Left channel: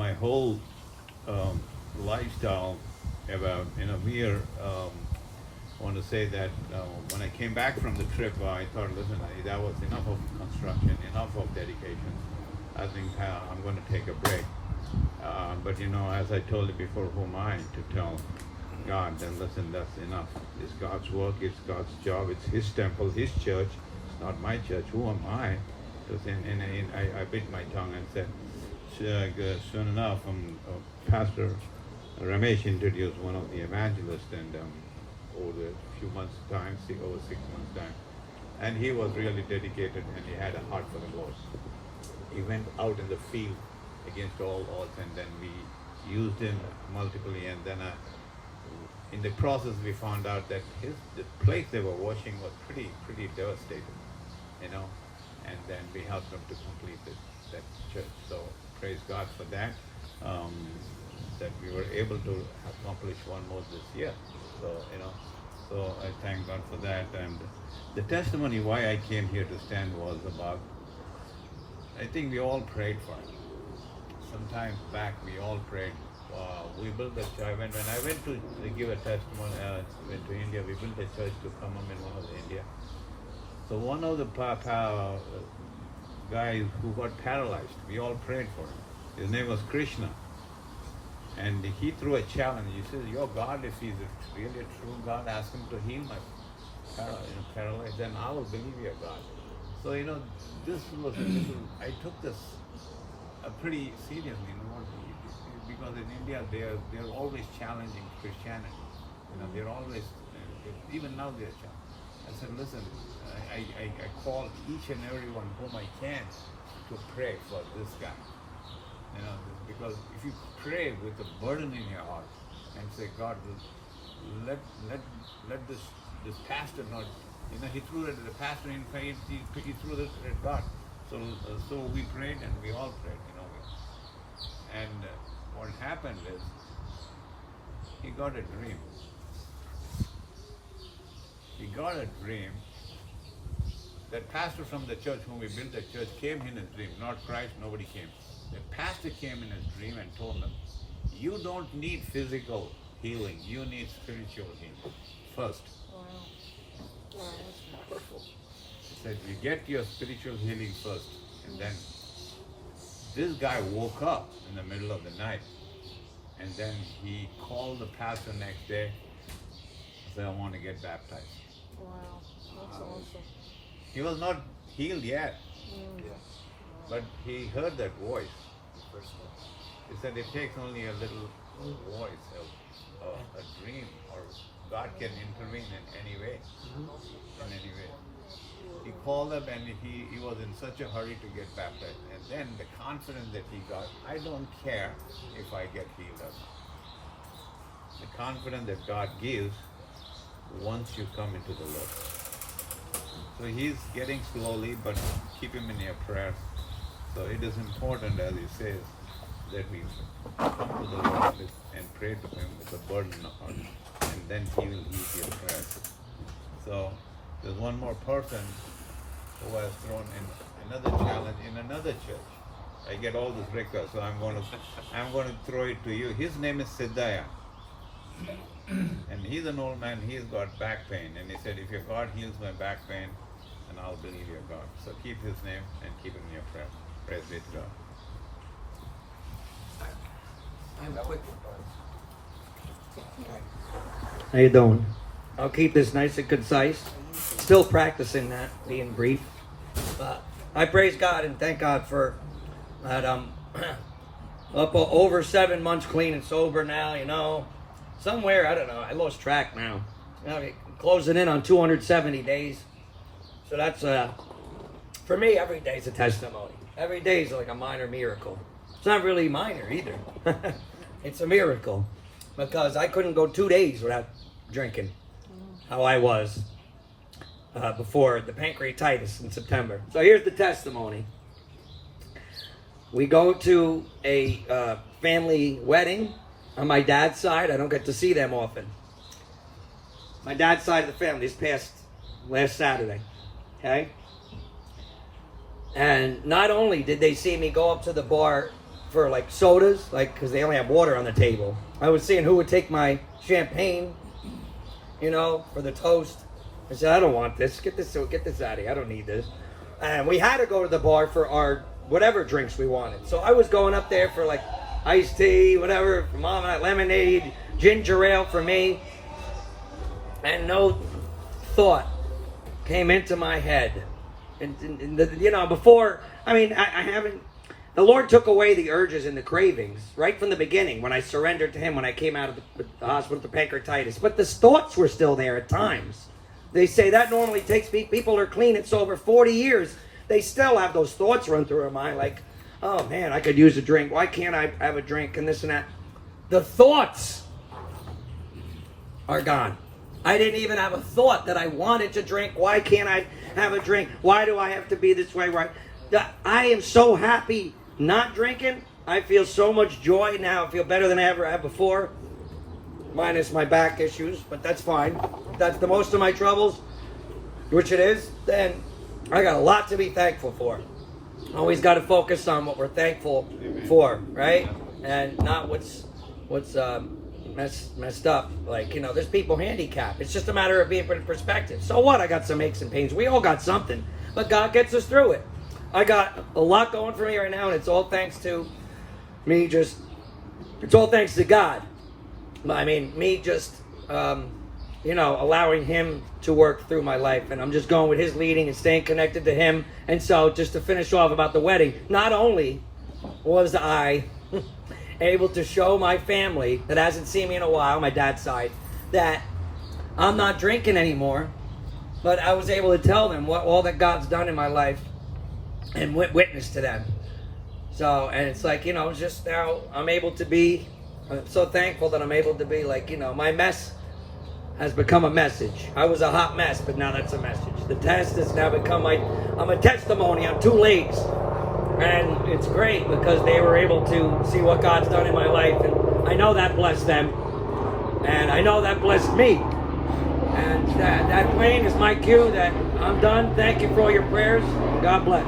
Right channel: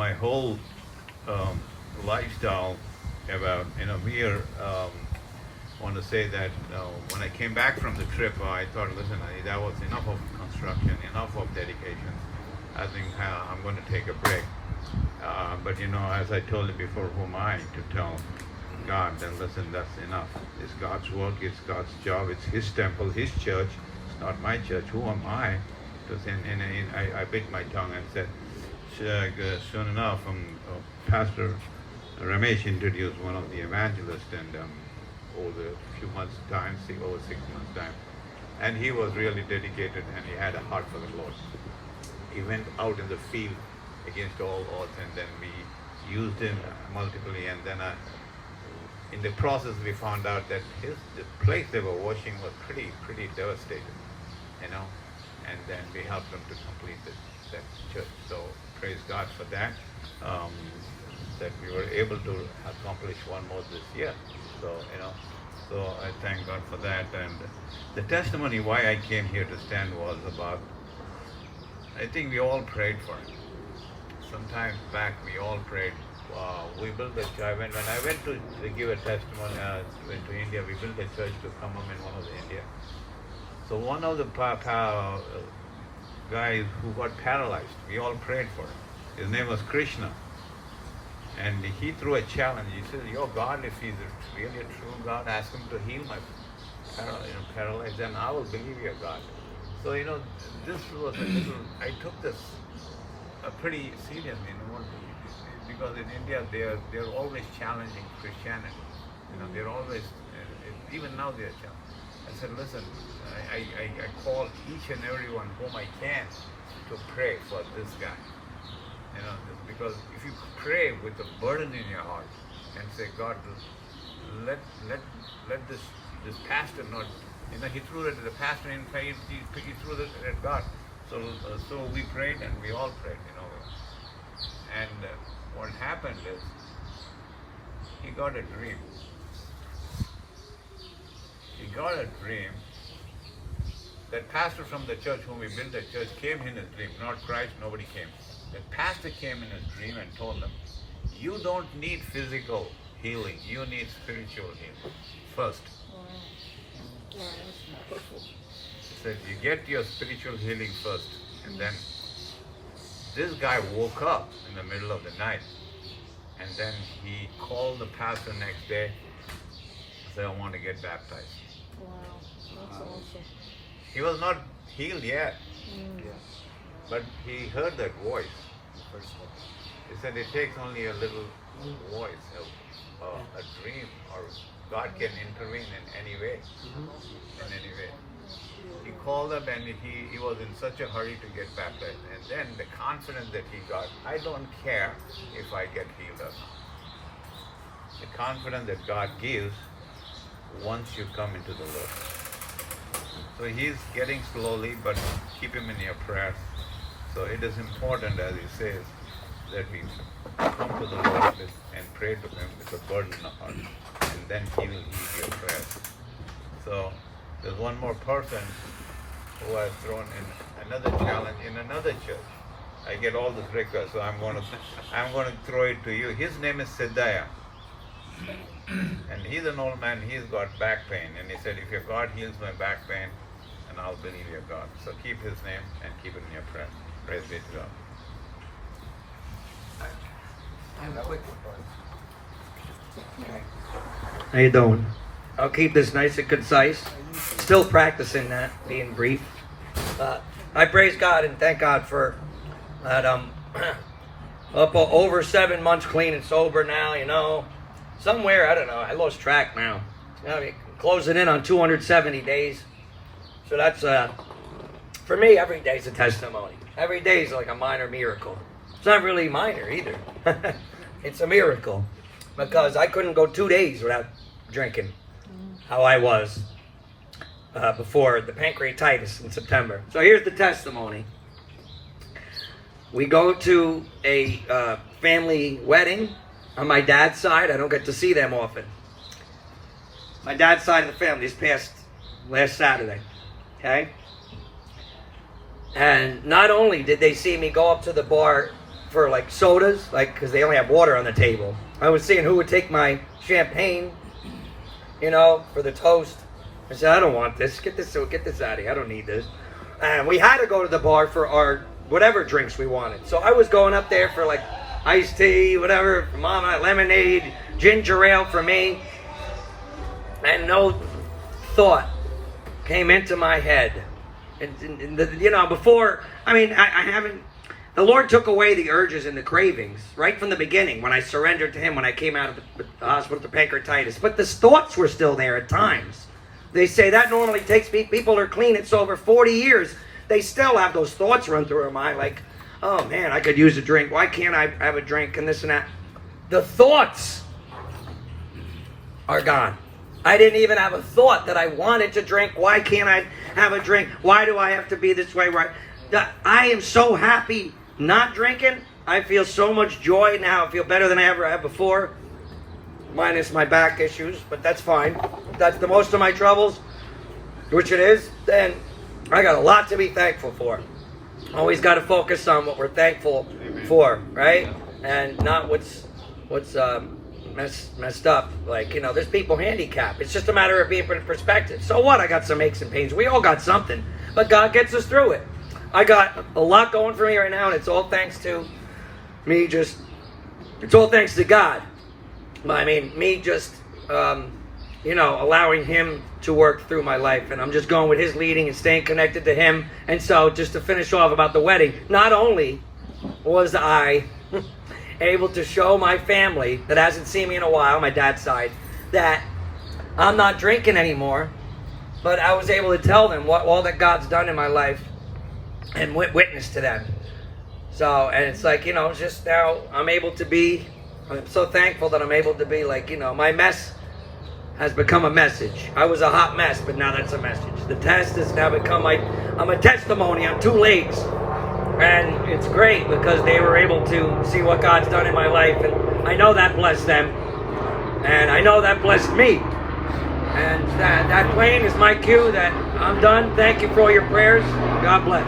my whole lifestyle about, mere, I want to say that when I came back from the trip, I thought, listen, that was enough of construction, enough of dedication. I think I'm going to take a break. But as I told you before, who am I to tell God, then listen, that's enough. It's God's work, it's God's job, it's His temple, His church. It's not my church. Who am I? Because I bit my tongue and said, soon enough, Pastor Ramesh introduced one of the evangelists, and over a few months' time, over 6 months' time, and he was really dedicated, and he had a heart for the Lord. He went out in the field against all odds, and then we used him multiply, and then in the process we found out that the place they were washing was pretty devastated, and then we helped them to complete that church. So praise God for that, that we were able to accomplish one more this year. So I thank God for that. And the testimony why I came here to stand was about, I think we all prayed for it. Sometimes back we all prayed. We built a church. When I went to give a testimony, went to India, we built a church to come up in one of the India. So one of the guys who got paralyzed, we all prayed for him. His name was Krishna. And he threw a challenge. He said, your God, if he's really a true God, ask him to heal my paralyzed, then I will believe your God. So, this was a little, I took this pretty seriously, because in India they're always challenging Christianity. They're always, even now they're challenging. I said, listen, I call each and everyone whom I can to pray for this guy. Because if you pray with a burden in your heart and say, God, let this pastor not, he threw it at the pastor in faith, he threw it at God. So we prayed, and we all prayed, And what happened is, he got a dream. He got a dream. That pastor from the church whom we built the church came in his dream, not Christ, nobody came. The pastor came in his dream and told them, you don't need physical healing, you need spiritual healing first. He said, you get your spiritual healing first. And then this guy woke up in the middle of the night, and then he called the pastor next day and said, I want to get baptized. Wow, that's awesome. He was not healed yet, but he heard that voice. He said it takes only a little voice, a dream, or God can intervene in any way. He called up, and he was in such a hurry to get baptized. And then the confidence that he got, I don't care if I get healed or not. The confidence that God gives once you come into the Lord. So he's getting slowly, but keep him in your prayers. So it is important, as he says, that we come to the Lord and pray to him with a burden of heart, and then he will heed your prayers. So there's one more person who has thrown in another challenge in another church. I get all this records, so I'm going to throw it to you. His name is Siddhaya. And he's an old man, he's got back pain. And he said, if your God heals my back pain, then I'll believe your God. So keep his name and keep it in your prayer. Praise be to God. I have a quick Okay. How you doing? I'll keep this nice and concise. Still practicing that, being brief. I praise God and thank God for that. Up over 7 months clean and sober now, Somewhere, I don't know, I lost track now. Closing in on 270 days. So that's, for me, every day's a testimony. Every day's like a minor miracle. It's not really minor either. It's a miracle. Because I couldn't go 2 days without drinking. How I was before the pancreatitis in September. So here's the testimony. We go to a family wedding on my dad's side. I don't get to see them often. My dad's side of the family this past last Saturday. Okay? And not only did they see me go up to the bar for like sodas, like because they only have water on the table. I was seeing who would take my champagne, you know, for the toast. I said, I don't want this. Get this out of here. I don't need this. And we had to go to the bar for our whatever drinks we wanted. So I was going up there for like iced tea, whatever, for Mama, lemonade, ginger ale for me. And no thought came into my head. And you know, before, I mean, I haven't, the Lord took away the urges and the cravings right from the beginning when I surrendered to Him when I came out of the hospital with the pancreatitis. But the thoughts were still there at times. They say that normally takes people are clean. It's over 40 years. They still have those thoughts run through their mind like, oh man, I could use a drink. Why can't I have a drink and this and that? The thoughts are gone. I didn't even have a thought that I wanted to drink. Why can't I have a drink? Why do I have to be this way? Right? I am so happy not drinking. I feel so much joy now. I feel better than I ever have before. Minus my back issues, but that's fine. If that's the most of my troubles, which it is, then I got a lot to be thankful for. Always got to focus on what we're thankful for, right? And not what's messed up. Like, you know, there's people handicapped. It's just a matter of being in perspective. So what? I got some aches and pains. We all got something, but God gets us through it. I got a lot going for me right now, and it's all thanks to me. It's all thanks to God. I mean, me just, you know, allowing Him to work through my life. And I'm just going with His leading and staying connected to Him. And so, just to finish off about the wedding, not only was I able to show my family that hasn't seen me in a while, my dad's side, that I'm not drinking anymore, but I was able to tell them all that God's done in my life and witness to them. So, and it's like, you know, just now I'm so thankful that I'm able to be like, you know, my mess has become a message. I was a hot mess, but now that's a message. The test has now become I'm a testimony on two legs. And it's great because they were able to see what God's done in my life. And I know that blessed them. And I know that blessed me. And that playing is my cue that I'm done. Thank you for all your prayers. God bless.